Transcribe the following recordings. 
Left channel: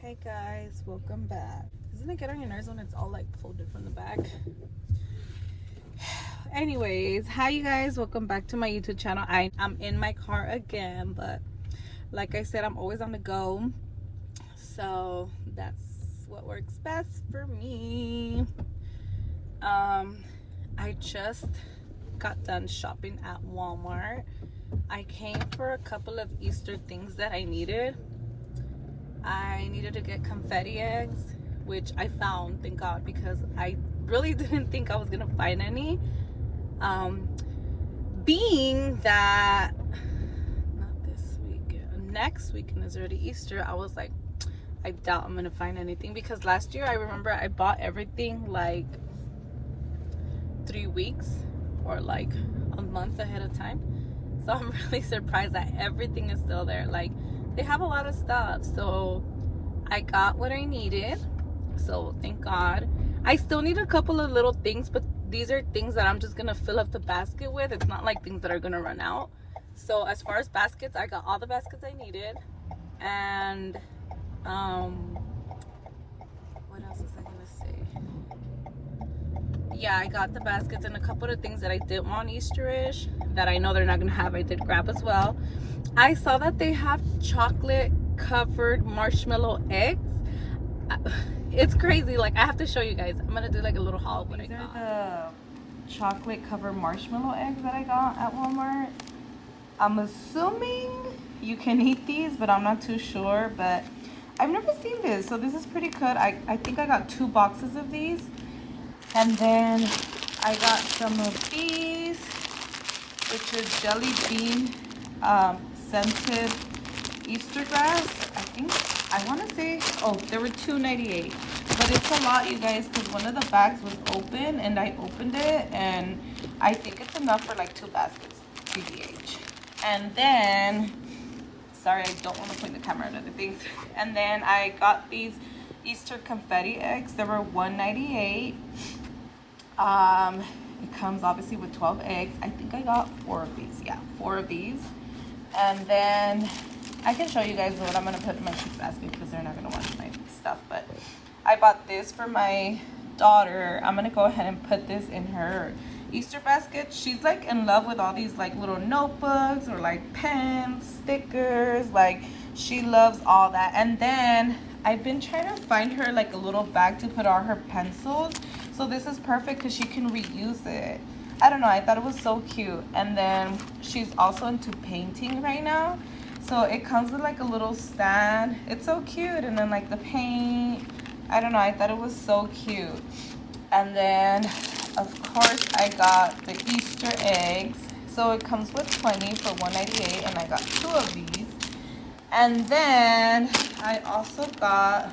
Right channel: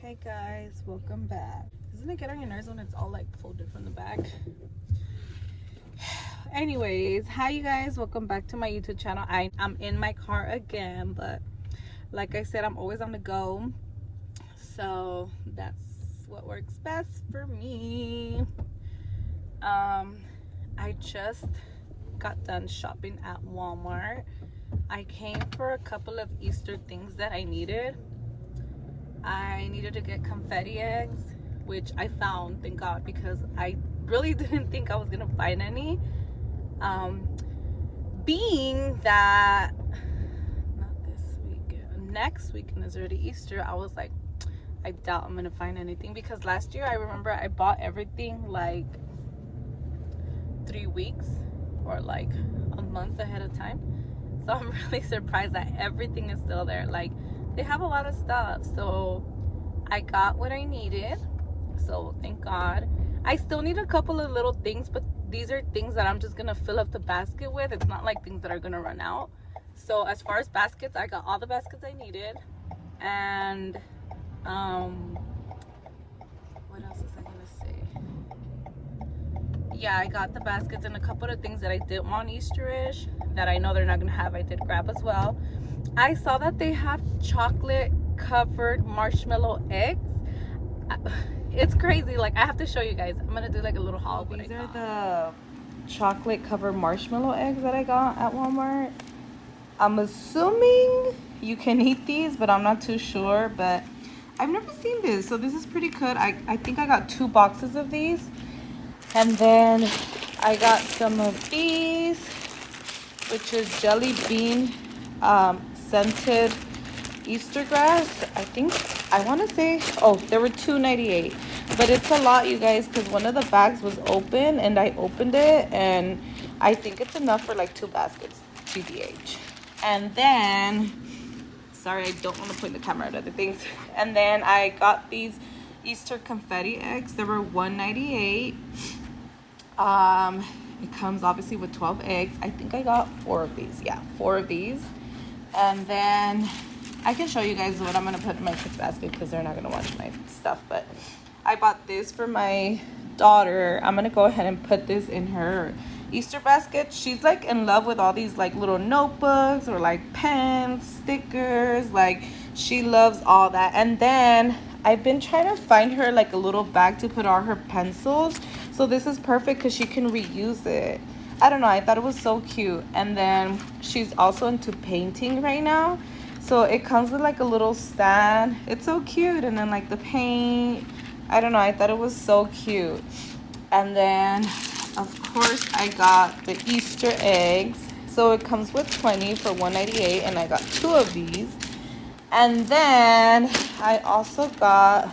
Hey guys, welcome back. Doesn't it get on your nerves when it's all like folded from the back? Anyways, hi you guys, welcome back to my YouTube channel. I'm in my car again, but like I said, I'm always on the go, so that's what works best for me. I just got done shopping at Walmart. I came for a couple of Easter things that I needed. I needed to get confetti eggs, which I found, thank God, because I really didn't think I was gonna find any. Being that not this weekend, next weekend is already Easter, I was like, I doubt I'm gonna find anything, because last year I remember I bought everything like 3 weeks or like a month ahead of time. So I'm really surprised that everything is still there. Like, they have a lot of stuff, so I got what I needed, so thank God. I still need a couple of little things, but these are things that I'm just gonna fill up the basket with. It's not like things that are gonna run out. So as far as baskets, I got all the baskets I needed. And what else was I gonna say? Yeah, I got the baskets, and a couple of things that I did want Easterish that I know they're not gonna have, I did grab as well. I saw that they have chocolate covered marshmallow eggs. It's crazy. Like, I have to show you guys. I'm gonna do like a little haul. These are the chocolate covered marshmallow eggs that I got at Walmart. I'm assuming you can eat these, but I'm not too sure. But I've never seen this, so this is pretty good. I think I got 2 boxes of these. And then I got some of these, which is jelly bean scented Easter grass. I want to say, oh, there were $2.98, but it's a lot, you guys, because one of the bags was open and I opened it, and I think it's enough for like 2 baskets, TBH. And then, sorry, I don't want to point the camera at other things. And then I got these Easter confetti eggs. They were $1.98. It comes obviously with 12 eggs. I think I got 4 of these. Yeah, 4 of these. And then I can show you guys what I'm gonna put in my kids' basket because they're not gonna watch my stuff. But I bought this for my daughter. I'm gonna go ahead and put this in her Easter basket. She's like in love with all these like little notebooks or like pens, stickers. Like, she loves all that. And then I've been trying to find her like a little bag to put all her pencils. So this is perfect because she can reuse it. I don't know, I thought it was so cute. And then she's also into painting right now, so it comes with like a little stand. It's so cute. And then like the paint, I don't know, I thought it was so cute. And then of course I got the Easter eggs, so it comes with 20 for $1.98, and I got 2 of these. And then I also got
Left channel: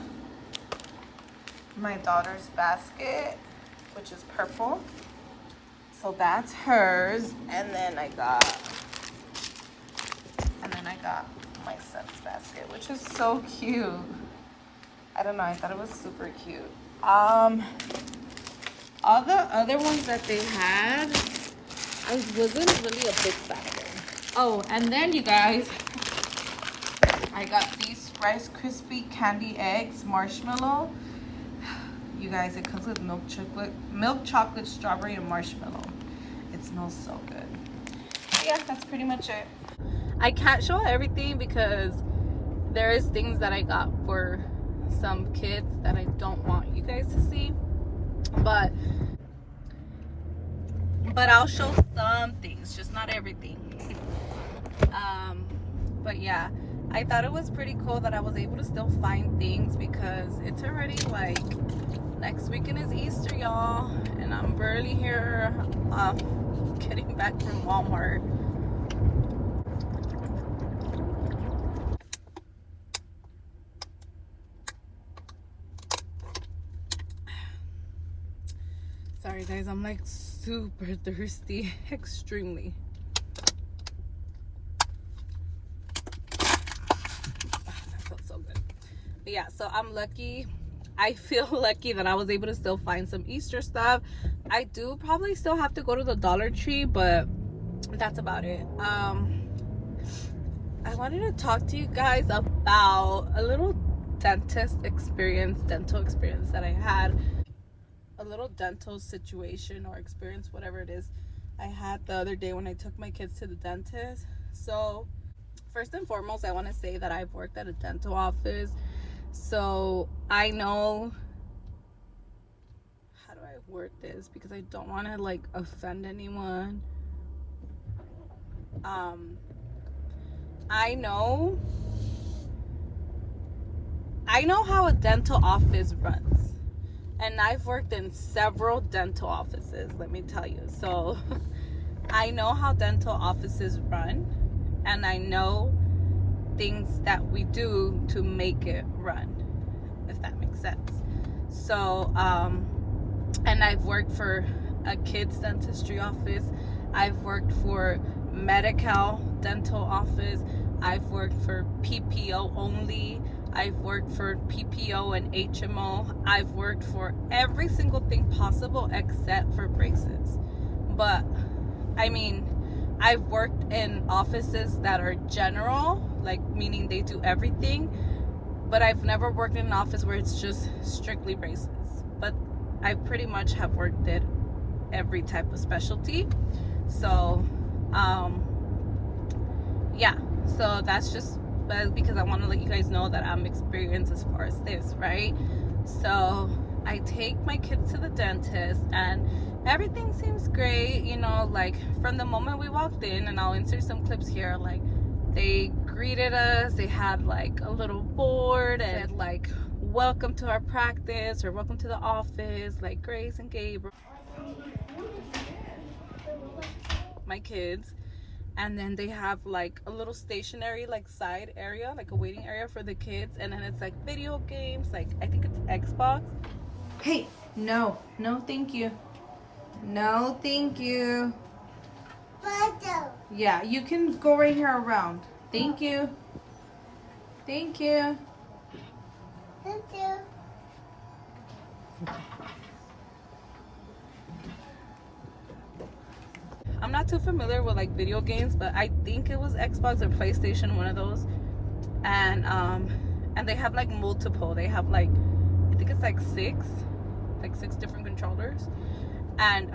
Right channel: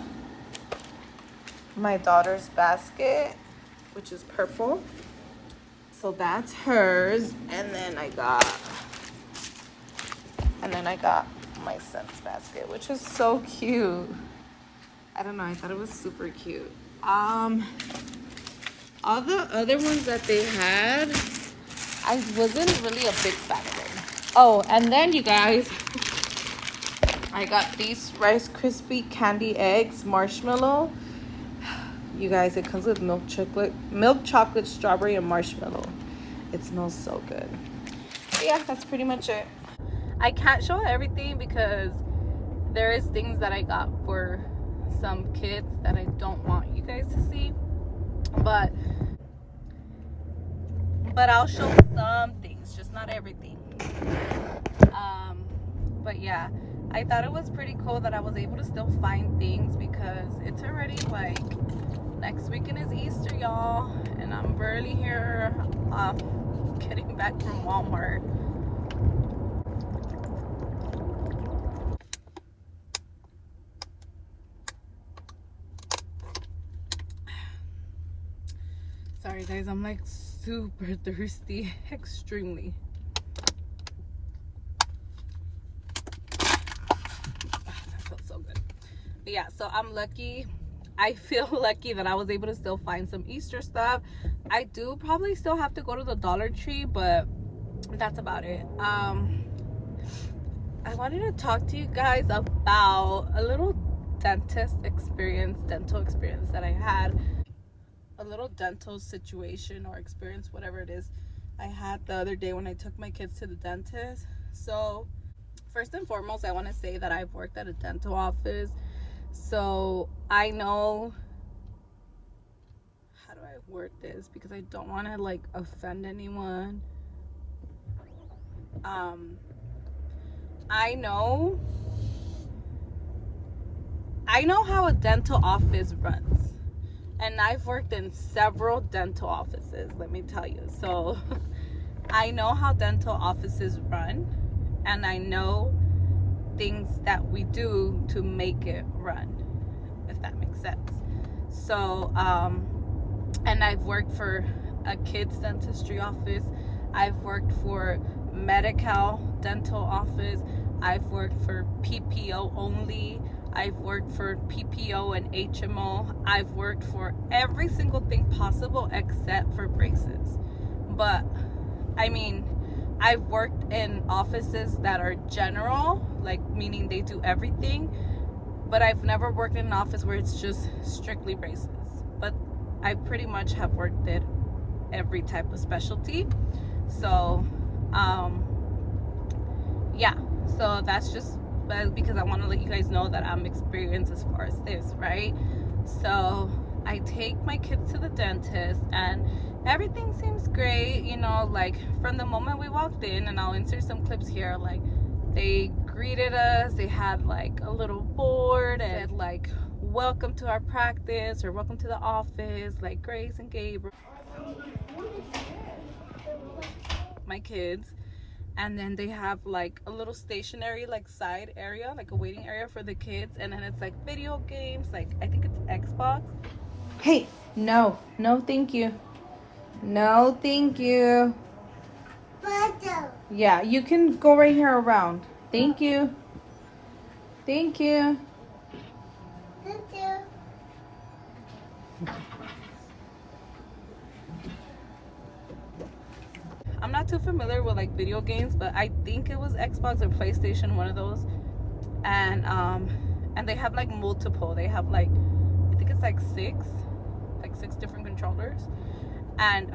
my daughter's basket, which is purple. So that's hers. And then I got my son's basket, which is so cute. I don't know, I thought it was super cute. All the other ones that they had, I wasn't really a big fan of them. Oh, and then you guys, I got these Rice Krispie candy eggs, marshmallow. You guys, it comes with milk chocolate, strawberry, and marshmallow. It smells so good. But yeah, that's pretty much it. I can't show everything because there is things that I got for some kids that I don't want you guys to see. But I'll show some things, just not everything. But yeah, I thought it was pretty cool that I was able to still find things, because it's already like next weekend is Easter, y'all, and I'm barely here getting back from Walmart. Sorry guys, I'm like super thirsty, extremely. That felt so good. But yeah, so I'm lucky. I feel lucky that I was able to still find some Easter stuff. I do probably still have to go to the Dollar Tree, but that's about it. I wanted to talk to you guys about a little dent dental experience that I had. A little dental situation or experience, whatever it is, I had the other day when I took my kids to the dentist. So first and foremost, I want to say that I've worked at a dental office, so I know, how do I word this because I don't want to like offend anyone. I know how a dental office runs, and I've worked in several dental offices, let me tell you. So I know how dental offices run, and I know things that we do to make it run, if that makes sense. So and I've worked for a kids dentistry office, I've worked for medical dental office, I've worked for PPO only, I've worked for PPO and HMO, I've worked for every single thing possible except for braces. But I mean, I've worked in offices that are general, like meaning they do everything, but I've never worked in an office where it's just strictly braces. But I pretty much have worked at every type of specialty. So yeah, so that's just because I want to let you guys know that I'm experienced as far as this, right? So I take my kids to the dentist and everything seems great, you know, like from the moment we walked in, and I'll insert some clips here, like they greeted us, they had like a little board and said like, welcome to our practice, or welcome to the office, like Grace and Gabriel, my kids. And then they have like a little stationary like side area, like a waiting area for the kids, and then it's like video games, like I think it's Xbox. Hey, no thank you, no thank you. Yeah, you can go right here around. Thank you. Thank you. Thank you. I'm not too familiar with like video games, but I think it was Xbox or PlayStation, one of those. And they have like multiple. They have like, I think it's like six different controllers. And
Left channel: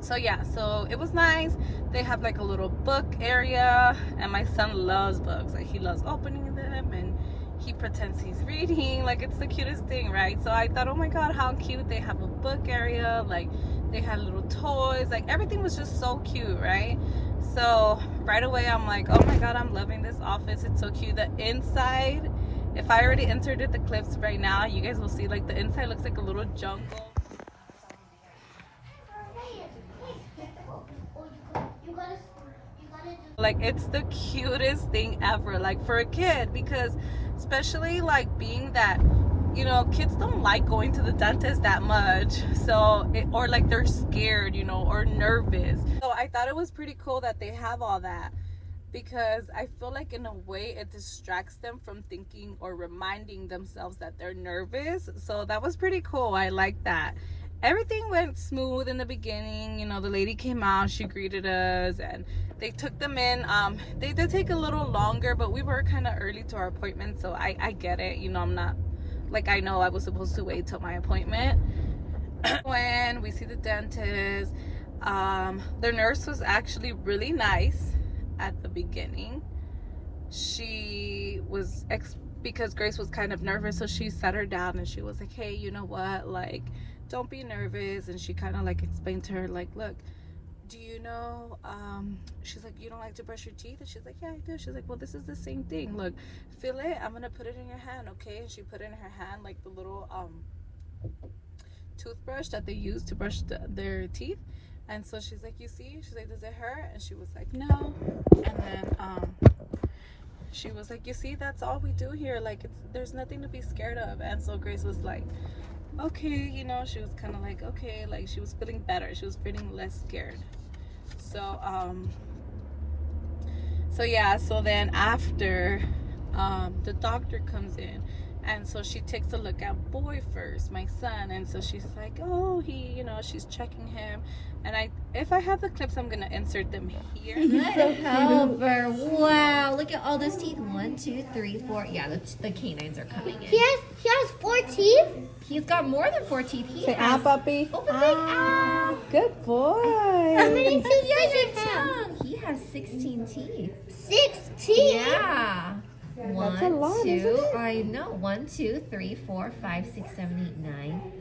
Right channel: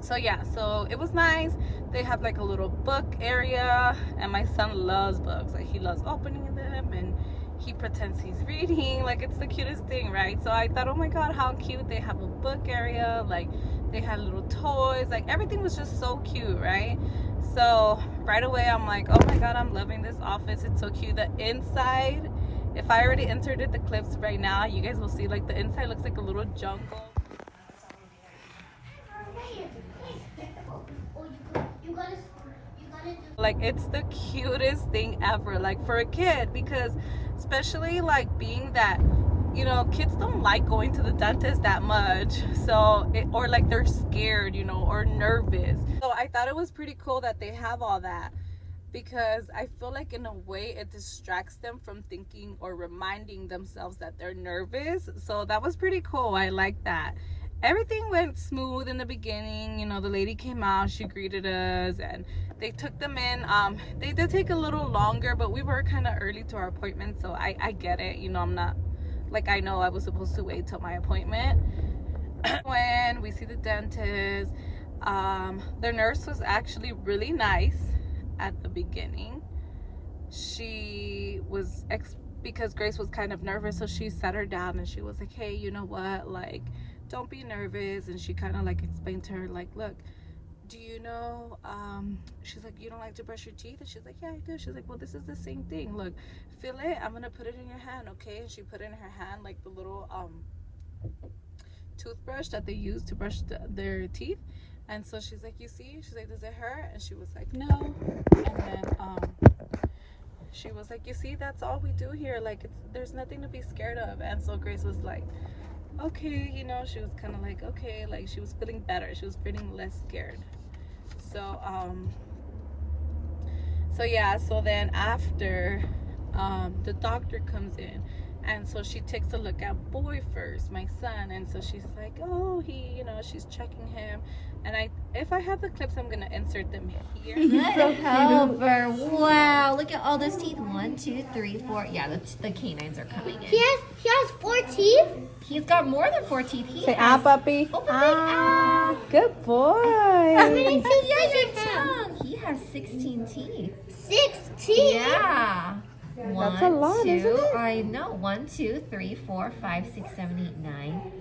so yeah, so it was nice. They have like a little book area, and my son loves books. Like he loves opening them, and he pretends he's reading, like it's the cutest thing, right? So I thought, oh my god, how cute. They have a book area, like they had little toys, like everything was just so cute, right? So right away I'm like, oh my god, I'm loving this office. It's so cute. The inside, if I already inserted the clips right now, you guys will see like the inside looks like a little jungle. Like it's the cutest thing ever, like for a kid, because especially like being that, you know, kids don't like going to the dentist that much, so or like they're scared, you know, or nervous. So I thought it was pretty cool that they have all that, because I feel like in a way it distracts them from thinking or reminding themselves that they're nervous. So that was pretty cool. I like that. Everything went smooth in the beginning. You know, the lady came out, she greeted us, and they took them in. They did take a little longer, but we were kind of early to our appointment, so I get it. You know, I'm not like, I know I was supposed to wait till my appointment. When we see the dentist, the nurse was actually really nice at the beginning. She was because Grace was kind of nervous, so she sat her down and she was like, hey, you know what, like, don't be nervous. And she kind of like explained to her, like, look, do you know, she's like, you don't like to brush your teeth? And she's like, yeah, I do. She's like, well, this is the same thing. Look, feel it. I'm gonna put it in your hand, okay? And she put it in her hand, like the little toothbrush that they use to brush their teeth. And so she's like, you see? She's like, does it hurt? And she was like, no. And then she was like, you see, that's all we do here. Like, there's nothing to be scared of. And so Grace was like, okay, you know, she was kind of like, okay, like she was feeling better. She was feeling less scared. So, so yeah, so then after the doctor comes in, and so she takes a look at boy first, my son, and so she's like, oh, he, you know, she's checking him, and if I have the clips, I'm gonna insert them here. Good helper. Wow, look at all those teeth. 1, 2, 3, 4. Yeah, the canines are coming in. He has 4 teeth? He's got more than 4 teeth. Say, ah, puppy. Open big ah. Good boy. How many teeth does Big he have? tongue. He has 16 teeth. 16? Yeah. One, That's a lot, 2, isn't it? I know. 1, 2, 3, 4, 5, 6, 7, 8, 9,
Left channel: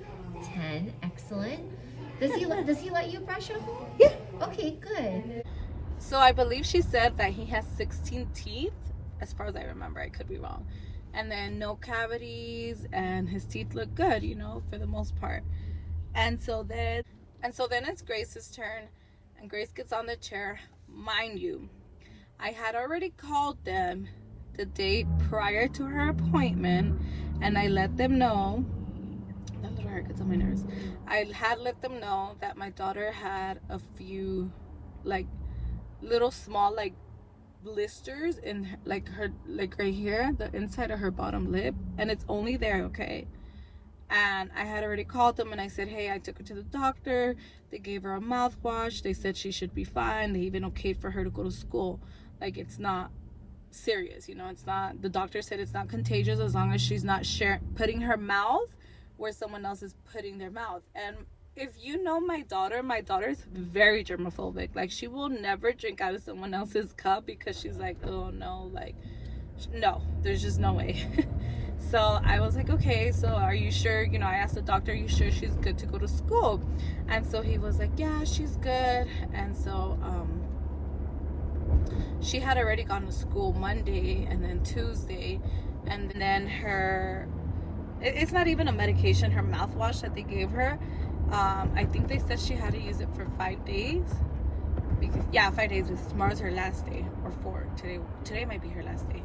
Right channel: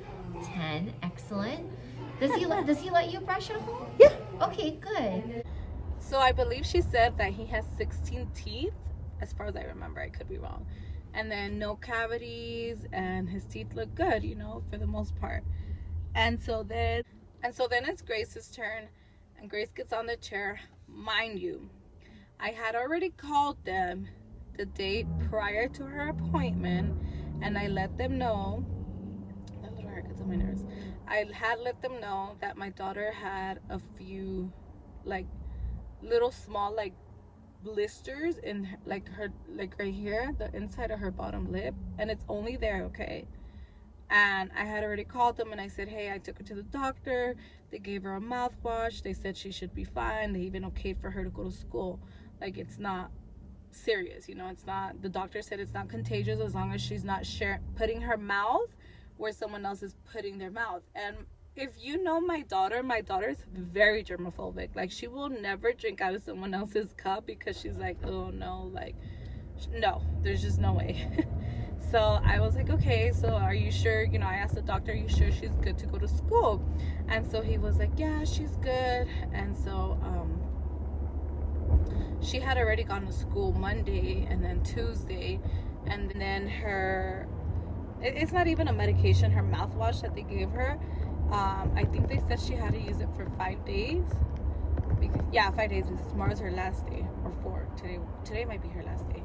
10. Excellent. Does he let you brush him? Yeah. Okay, good. So I believe she said that he has 16 teeth, as far as I remember. I could be wrong. And then no cavities, and his teeth look good, you know, for the most part. And so then it's Grace's turn, and Grace gets on the chair. Mind you, I had already called them the day prior to her appointment, and I let them know. That little hair gets on my nerves. I had let them know that my daughter had a few, like, little small, like, blisters in her, like right here, the inside of her bottom lip, and it's only there, okay? And I had already called them, and I said, hey, I took her to the doctor. They gave her a mouthwash. They said she should be fine. They even okayed for her to go to school. Like, it's not serious, you know, it's not, the doctor said it's not contagious as long as she's not putting her mouth where someone else is putting their mouth. And if you know my daughter's very germophobic. Like, she will never drink out of someone else's cup because she's like, oh no, like, no, there's just no way. So I was like, okay, so are you sure, you know, I asked the doctor, are you sure she's good to go to school? And so he was like, yeah, she's good. And so she had already gone to school Monday and then Tuesday, and then it's not even a medication, her mouthwash that they gave her, I think they said she had to use it for 5 days, because, yeah, 5 days, because tomorrow's her last day, or 4, today might be her last day.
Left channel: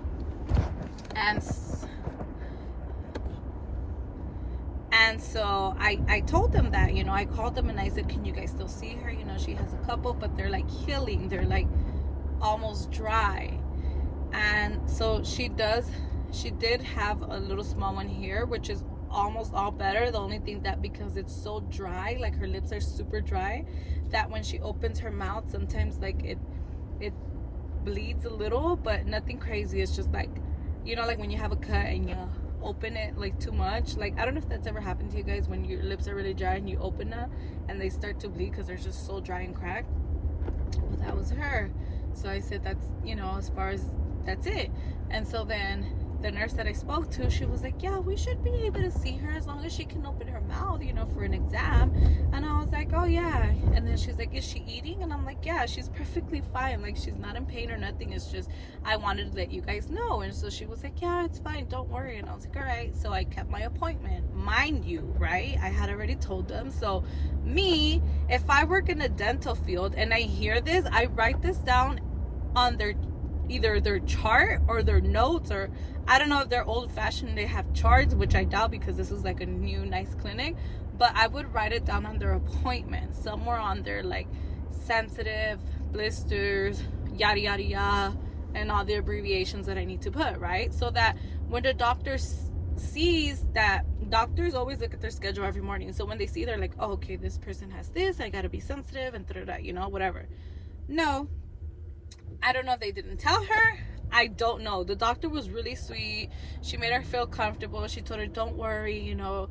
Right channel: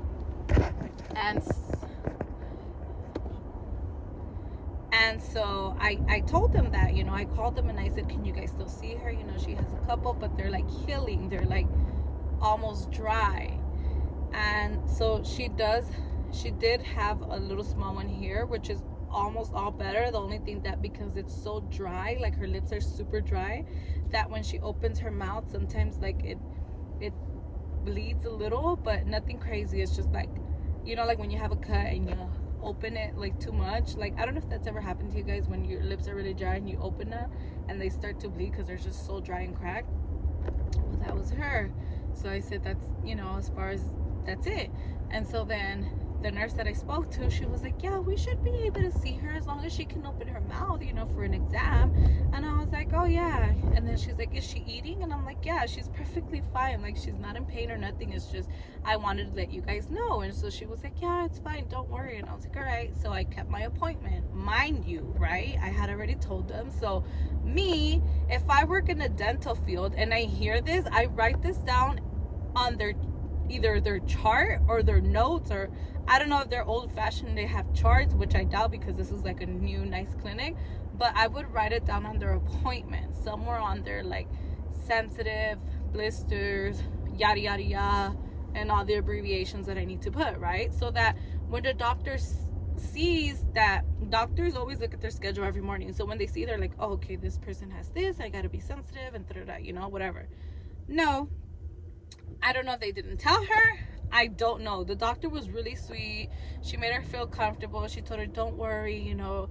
And so I told them that, you know, I called them and I said, can you guys still see her? You know, she has a couple, but they're like healing, they're like almost dry. And so she did have a little small one here, which is almost all better. The only thing that, because it's so dry, like her lips are super dry, that when she opens her mouth, sometimes like it bleeds a little, but nothing crazy. It's just like, you know, like when you have a cut and you open it like too much. Like, I don't know if that's ever happened to you guys, when your lips are really dry and you open it and they start to bleed because they're just so dry and cracked. Well, that was her. So I said, that's, you know, as far as that's it. And so then the nurse that I spoke to, she was like, yeah, we should be able to see her as long as she can open her mouth, you know, for an exam. And I was like, oh yeah. And then she's like, is she eating? And I'm like, yeah, she's perfectly fine. Like, she's not in pain or nothing. It's just, I wanted to let you guys know. And so she was like, yeah, it's fine, don't worry. And I was like, all right. So I kept my appointment, mind you, right? I had already told them. So me, if I work in the dental field and I hear this, I write this down on either their chart or their notes, or I don't know if they're old-fashioned, they have charts, which I doubt because this is like a new nice clinic, but I would write it down on their appointment, somewhere on their like sensitive, blisters, yada yada yada, and all the abbreviations that I need to put, right? So that when the doctor sees that, doctors always look at their schedule every morning, so when they see, they're like, oh, okay, this person has this, I gotta be sensitive and you know, whatever. No, I don't know if they didn't tell her. I don't know. The doctor was really sweet. She made her feel comfortable. She told her, don't worry, you know,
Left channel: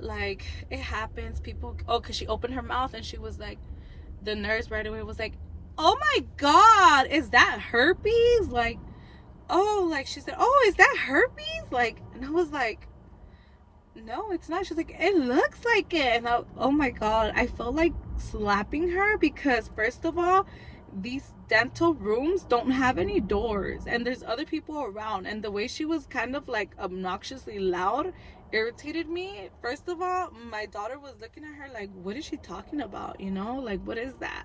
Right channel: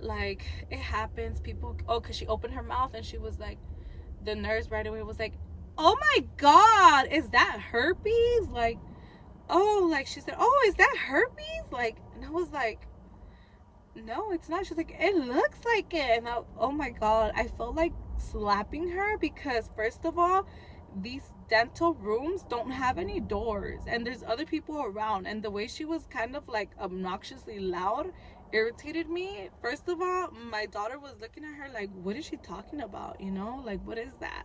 like, it happens. People, oh, because she opened her mouth and she was like, the nurse right away was like, oh my God, is that herpes? Like, oh, like, she said, oh, is that herpes? Like, and I was like, no, it's not. She's like, it looks like it. And oh my God, I felt like slapping her, because first of all, these dental rooms don't have any doors and there's other people around, and the way she was kind of like obnoxiously loud irritated me. First of all, my daughter was looking at her like, what is she talking about, you know, like, what is that?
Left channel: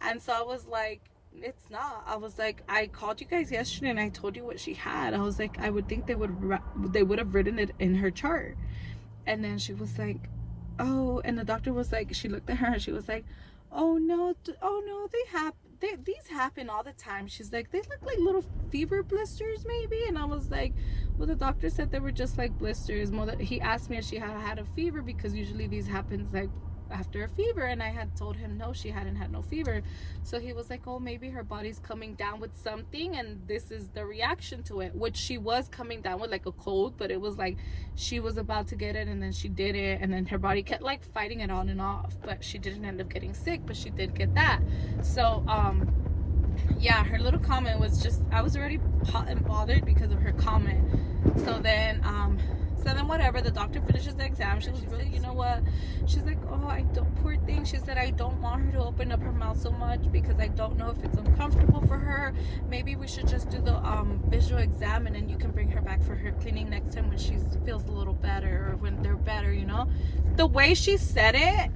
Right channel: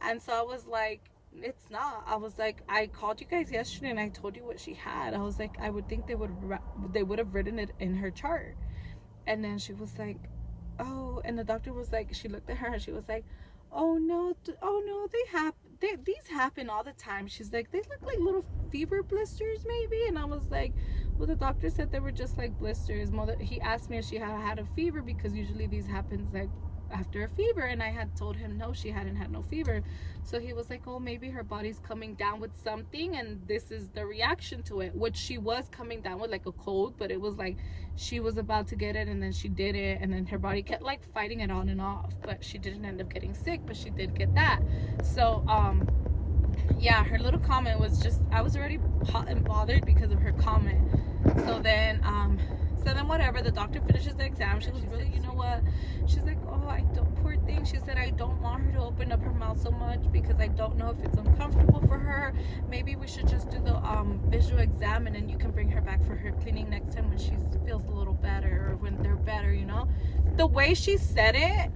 And so I was like, it's not. I was like, I called you guys yesterday and I told you what she had. I was like, I would think they would have written it in her chart. And then she was like, oh, and the doctor was like, she looked at her and she was like, oh no, these happen all the time. She's like, they look like little fever blisters maybe. And I was like, well, the doctor said they were just like blisters. Mother, he asked me if she had a fever, because usually these happens like after a fever, and I had told him no, she hadn't had no fever. So he was like, oh, maybe her body's coming down with something and this is the reaction to it, which she was coming down with, like a cold, but it was like she was about to get it and then she did it, and then her body kept like fighting it on and off, but she didn't end up getting sick, but she did get that. So yeah, her little comment was just, I was already hot and bothered because of her comment. So then whatever, the doctor finishes the exam. She was really, you know what, she's like, oh, I don't, poor thing, she said, I don't want her to open up her mouth so much because I don't know if it's uncomfortable for her. Maybe we should just do the visual exam, and then you can bring her back for her cleaning next time when she feels a little better, or when they're better, you know. The way she said it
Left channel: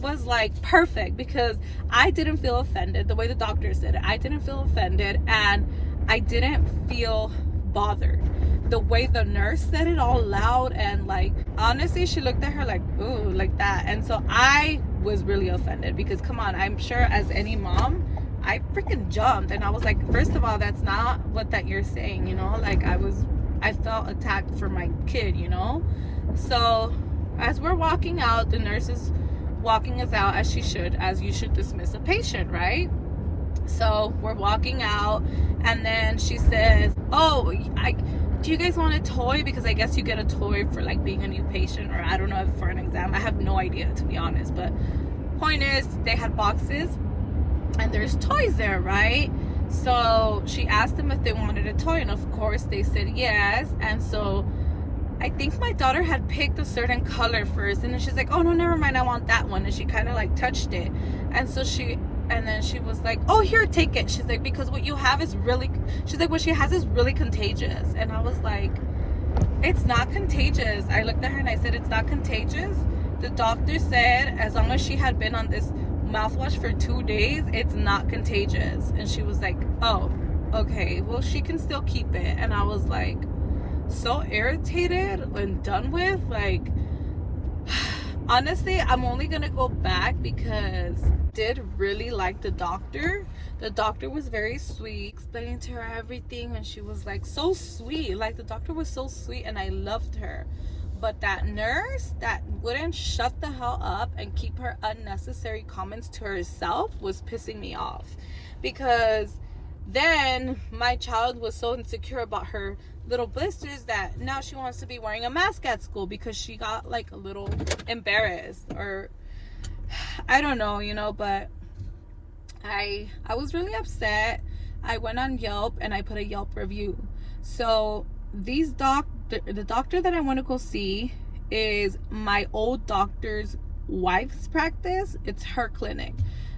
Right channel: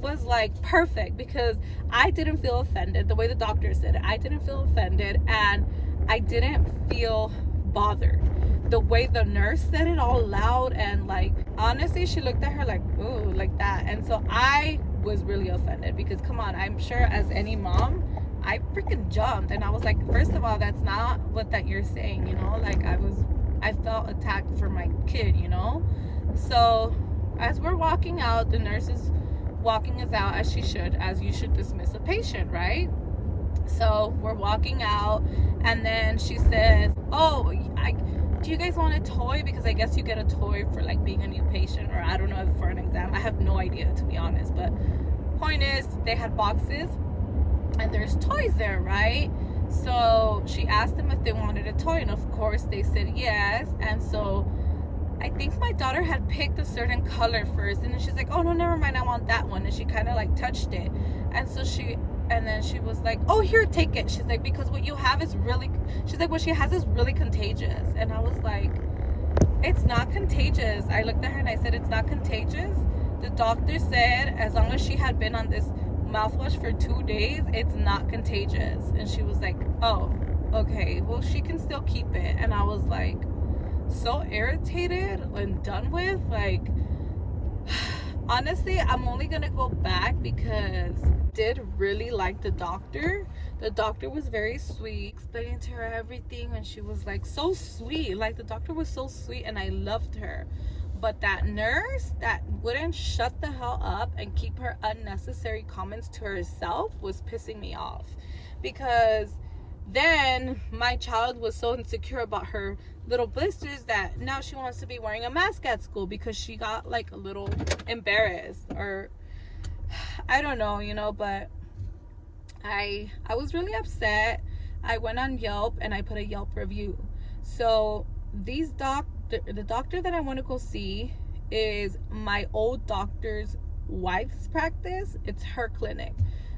was like perfect, because I didn't feel offended. The way the doctor said it, I didn't feel offended, and I didn't feel bothered. The way the nurse said it all loud, and like honestly, she looked at her like, ooh, like that. And so I was really offended, because come on, I'm sure as any mom, I freaking jumped, and I was like, first of all, that's not what that you're saying, you know. Like I felt attacked for my kid, you know. So as we're walking out, the nurse is walking us out, as she should, as you should dismiss a patient, right? So we're walking out, and then she says, oh, do you guys want a toy? Because I guess you get a toy for like being a new patient, or I don't know, for an exam. I have no idea, to be honest. But point is, they had boxes and there's toys there, right? So she asked them if they wanted a toy, and of course they said yes. And so I think my daughter had picked a certain color first, and then she's like, oh no, never mind, I want that one. And she kind of like touched it, and so then she was like, oh, here, take it. She's like, because what you have is really, she's like, what she has is really contagious. And I was like, it's not contagious. I looked at her and I said, it's not contagious. The doctor said as long as she had been on this mouthwash for 2 days, it's not contagious. And she was like, oh, okay, well, she can still keep it. And I was like, so irritated and done with. Like, honestly, I'm only gonna go back because I did really like the doctor. The doctor was very sweet, explaining to her everything, and she was like so sweet. Like, the doctor was so sweet, and I loved her. But that nurse that wouldn't shut the hell up and keep her unnecessary comments to herself was pissing me off, because then my child was so insecure about her little blisters that now she wants to be wearing a mask at school because she got like a little embarrassed, or I don't know, you know. But I was really upset. I went on Yelp and I put a Yelp review. So the doctor that I want to go see is my old doctor's wife's practice. It's her clinic.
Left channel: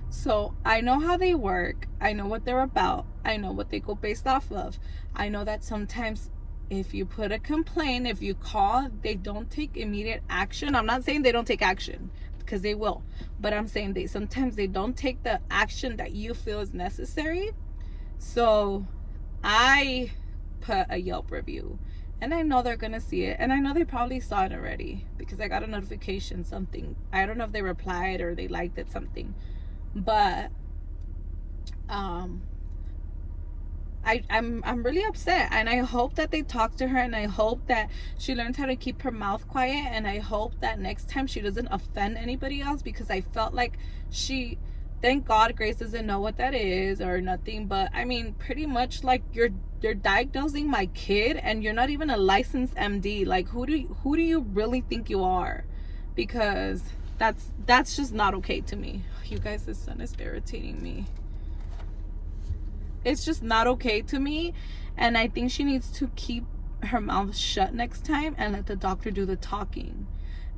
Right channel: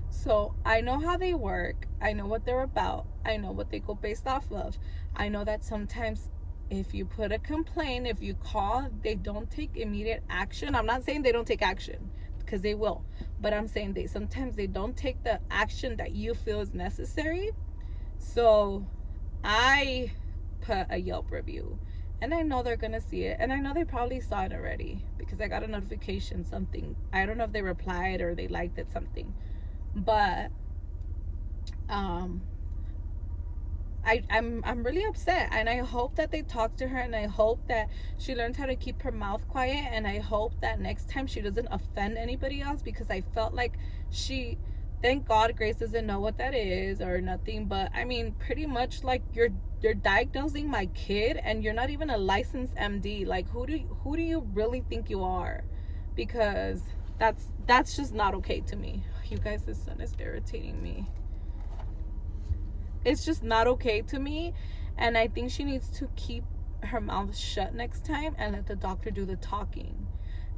So I know how they work. I know what they're about. I know what they go based off of. I know that sometimes if you put a complaint, if you call, they don't take immediate action. I'm not saying they don't take action, because they will, but I'm saying sometimes they don't take the action that you feel is necessary. So I put a Yelp review, and I know they're gonna see it, and I know they probably saw it already because I got a notification, something. I don't know if they replied or they liked it, something. But I'm really upset, and I hope that they talk to her, and I hope that she learns how to keep her mouth quiet, and I hope that next time she doesn't offend anybody else, because I felt like thank God Grace doesn't know what that is or nothing. But I mean, pretty much like you're diagnosing my kid, and you're not even a licensed MD. Like, who do you really think you are? Because that's just not okay to me. You guys, the sun is irritating me. It's just not okay to me, and I think she needs to keep her mouth shut next time and let the doctor do the talking,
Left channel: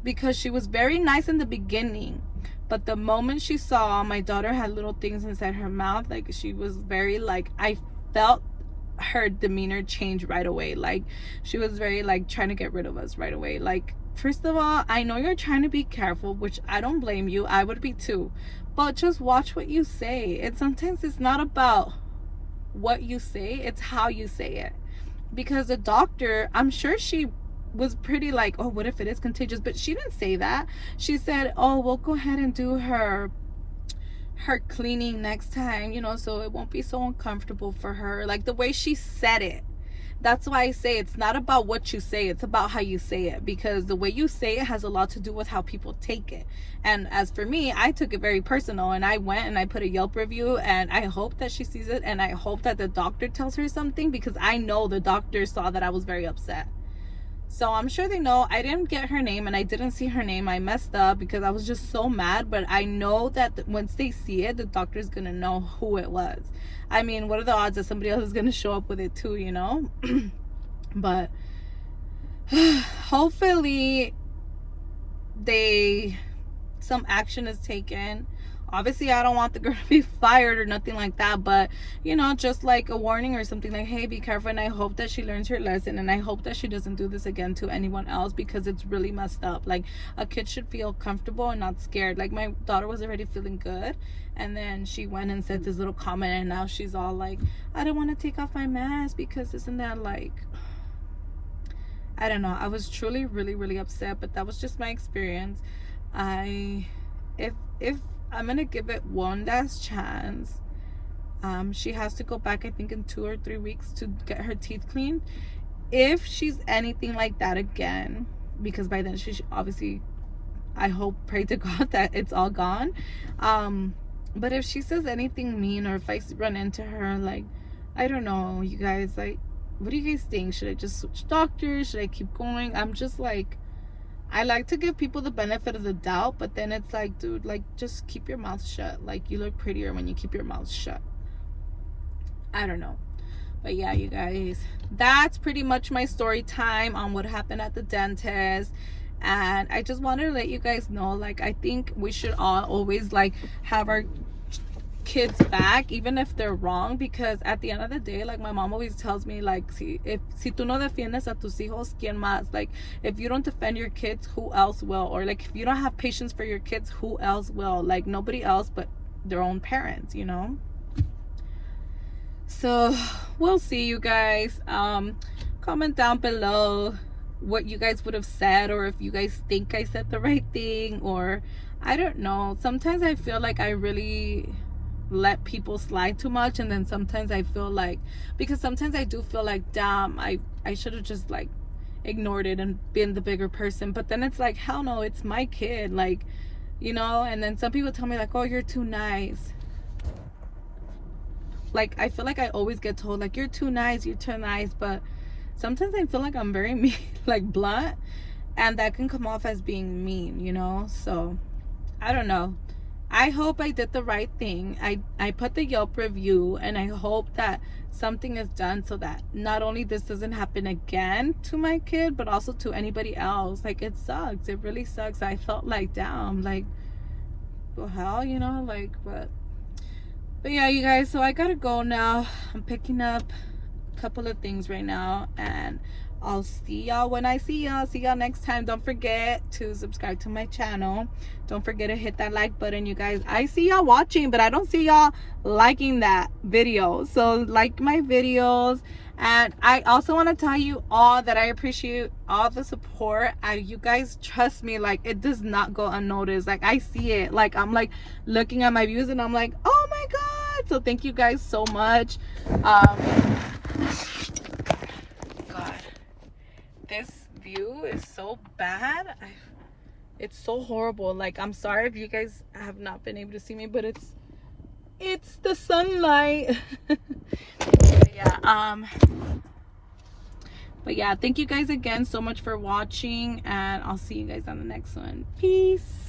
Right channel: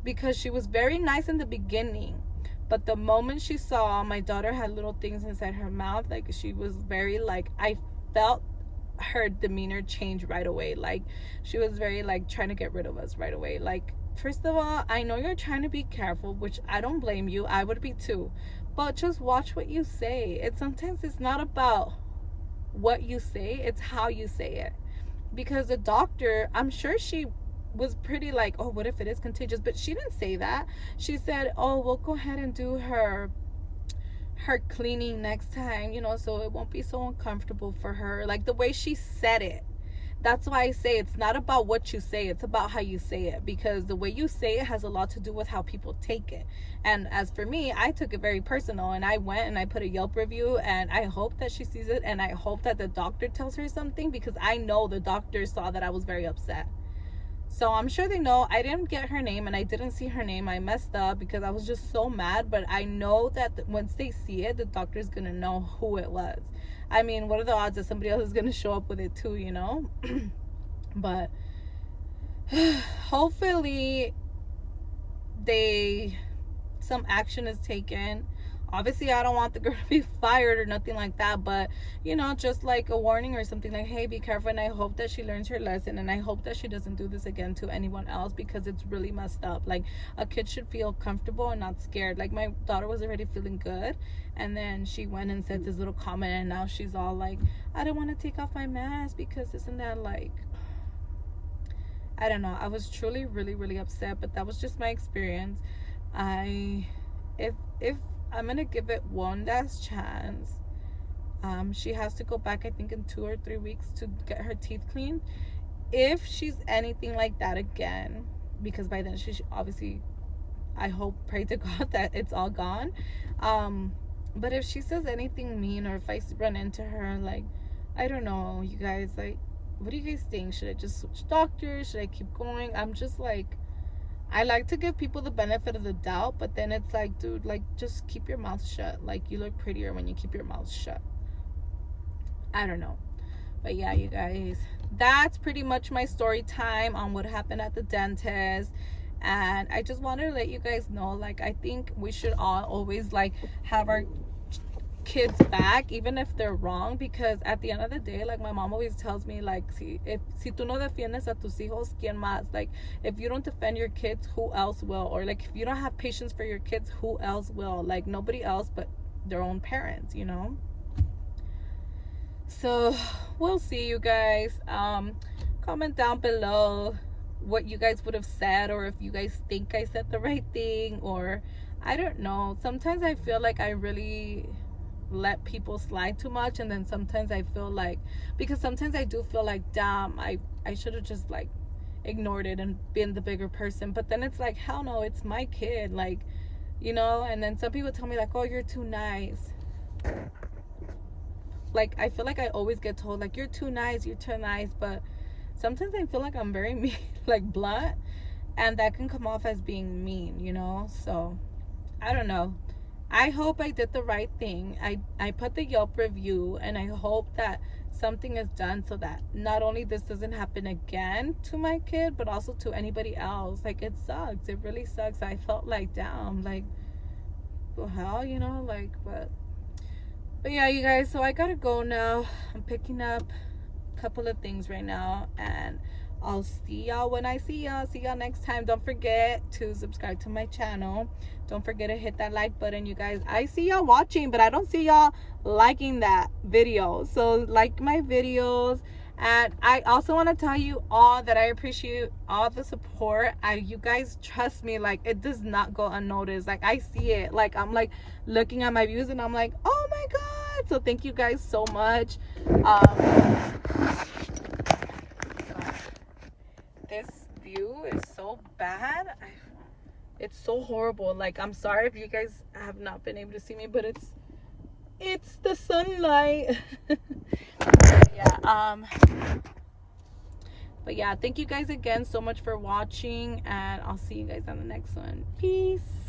because she was very nice in the beginning, but the moment she saw my daughter had little things inside her mouth, like, she was very like, I felt her demeanor change right away. Like, she was very like trying to get rid of us right away. Like, first of all, I know you're trying to be careful, which I don't blame you. I would be too, but just watch what you say. Sometimes it's not about what you say, it's how you say it. Because the doctor, I'm sure she was pretty like, oh, what if it is contagious? But she didn't say that. She said, oh, we'll go ahead and do her her cleaning next time, you know, so it won't be so uncomfortable for her. Like the way she said it. That's why I say it's not about what you say, it's about how you say it, because the way you say it has a lot to do with how people take it. And as for me, I took it very personal, and I went and I put a Yelp review, and I hope that she sees it, and I hope that the doctor tells her something, because I know the doctor saw that I was very upset. So I'm sure they know. I didn't get her name, and I didn't see her name. I messed up because I was just so mad, but I know that once they see it, the doctor's gonna know who it was. I mean, what are the odds that somebody else is gonna show up with it too, you know? But hopefully some action is taken. Obviously, I don't want the girl to be fired or nothing like that, but you know, just like a warning or something, like, hey, be careful. And I hope that she learns her lesson, and I hope that she doesn't do this again to anyone else, because it's really messed up. Like, a kid should feel comfortable and not scared. Like, my daughter was already feeling good, and then she went and said this little comment, and now she's all like, I don't want to take off my mask because isn't that like, I don't know. I was truly really really upset, but that was just my experience. If I'm gonna give it one last chance, she has to go back, I think, in 2 or 3 weeks to get her teeth cleaned. If she's anything like that again, because by then she obviously, I hope, pray to God that it's all gone. But if she says anything mean, or if I run into her, like, I don't know, you guys, like, what do you guys think? Should I just switch doctors? Should I keep going? I'm just like, I like to give people the benefit of the doubt, but then it's like, dude, like, just keep your mouth shut. Like, you look prettier when you keep your mouth shut. I don't know. But yeah, you guys, that's pretty much my story time on what happened at the dentist. And I just wanted to let you guys know, like, I think we should all always, like, have our kids back, even if they're wrong, because at the end of the day, like, my mom always tells me, like, si tú no defiendes a tus hijos, ¿quién más? Like, if you don't defend your kids, who else will? Or like, if you don't have patience for your kids, who else will? Like, nobody else but their own parents, you know? So we'll see, you guys. Comment down below what you guys would have said, or if you guys think I said the right thing, or I don't know. Sometimes I feel like I really let people slide too much, and then sometimes I feel like, because sometimes I do feel like, damn, I should have just like ignored it and been the bigger person. But then it's like, hell no, it's my kid, like, you know. And then some people tell me, like, oh, you're too nice. Like, I feel like I always get told, like, you're too nice, but sometimes I feel like I'm very mean, like blunt, and that can come off as being mean, you know. So I don't know. I hope I did the right thing. I put the Yelp review, and I hope that something is done so that not only this doesn't happen again to my kid, but also to anybody else. Like, it sucks. It really sucks. I felt like, damn, like, the hell, you know, like, but yeah, you guys, so I gotta go now. I'm picking up a couple of things right now, and I'll see y'all when I see y'all. See y'all next time. Don't forget to subscribe to my channel. Don't forget to hit that like button, you guys. I see y'all watching, but I don't see y'all liking that video. So like my videos. And I also want to tell you all that I appreciate all the support. You guys, trust me, like, it does not go unnoticed. Like, I see it. Like, I'm like looking at my views, and I'm like, oh my God. So thank you guys so much. This view is so bad. It's so horrible. Like, I'm sorry if you guys have not been able to see me, but it's the sunlight. But yeah, thank you guys again so much for watching, and I'll see you guys on the next one. Peace.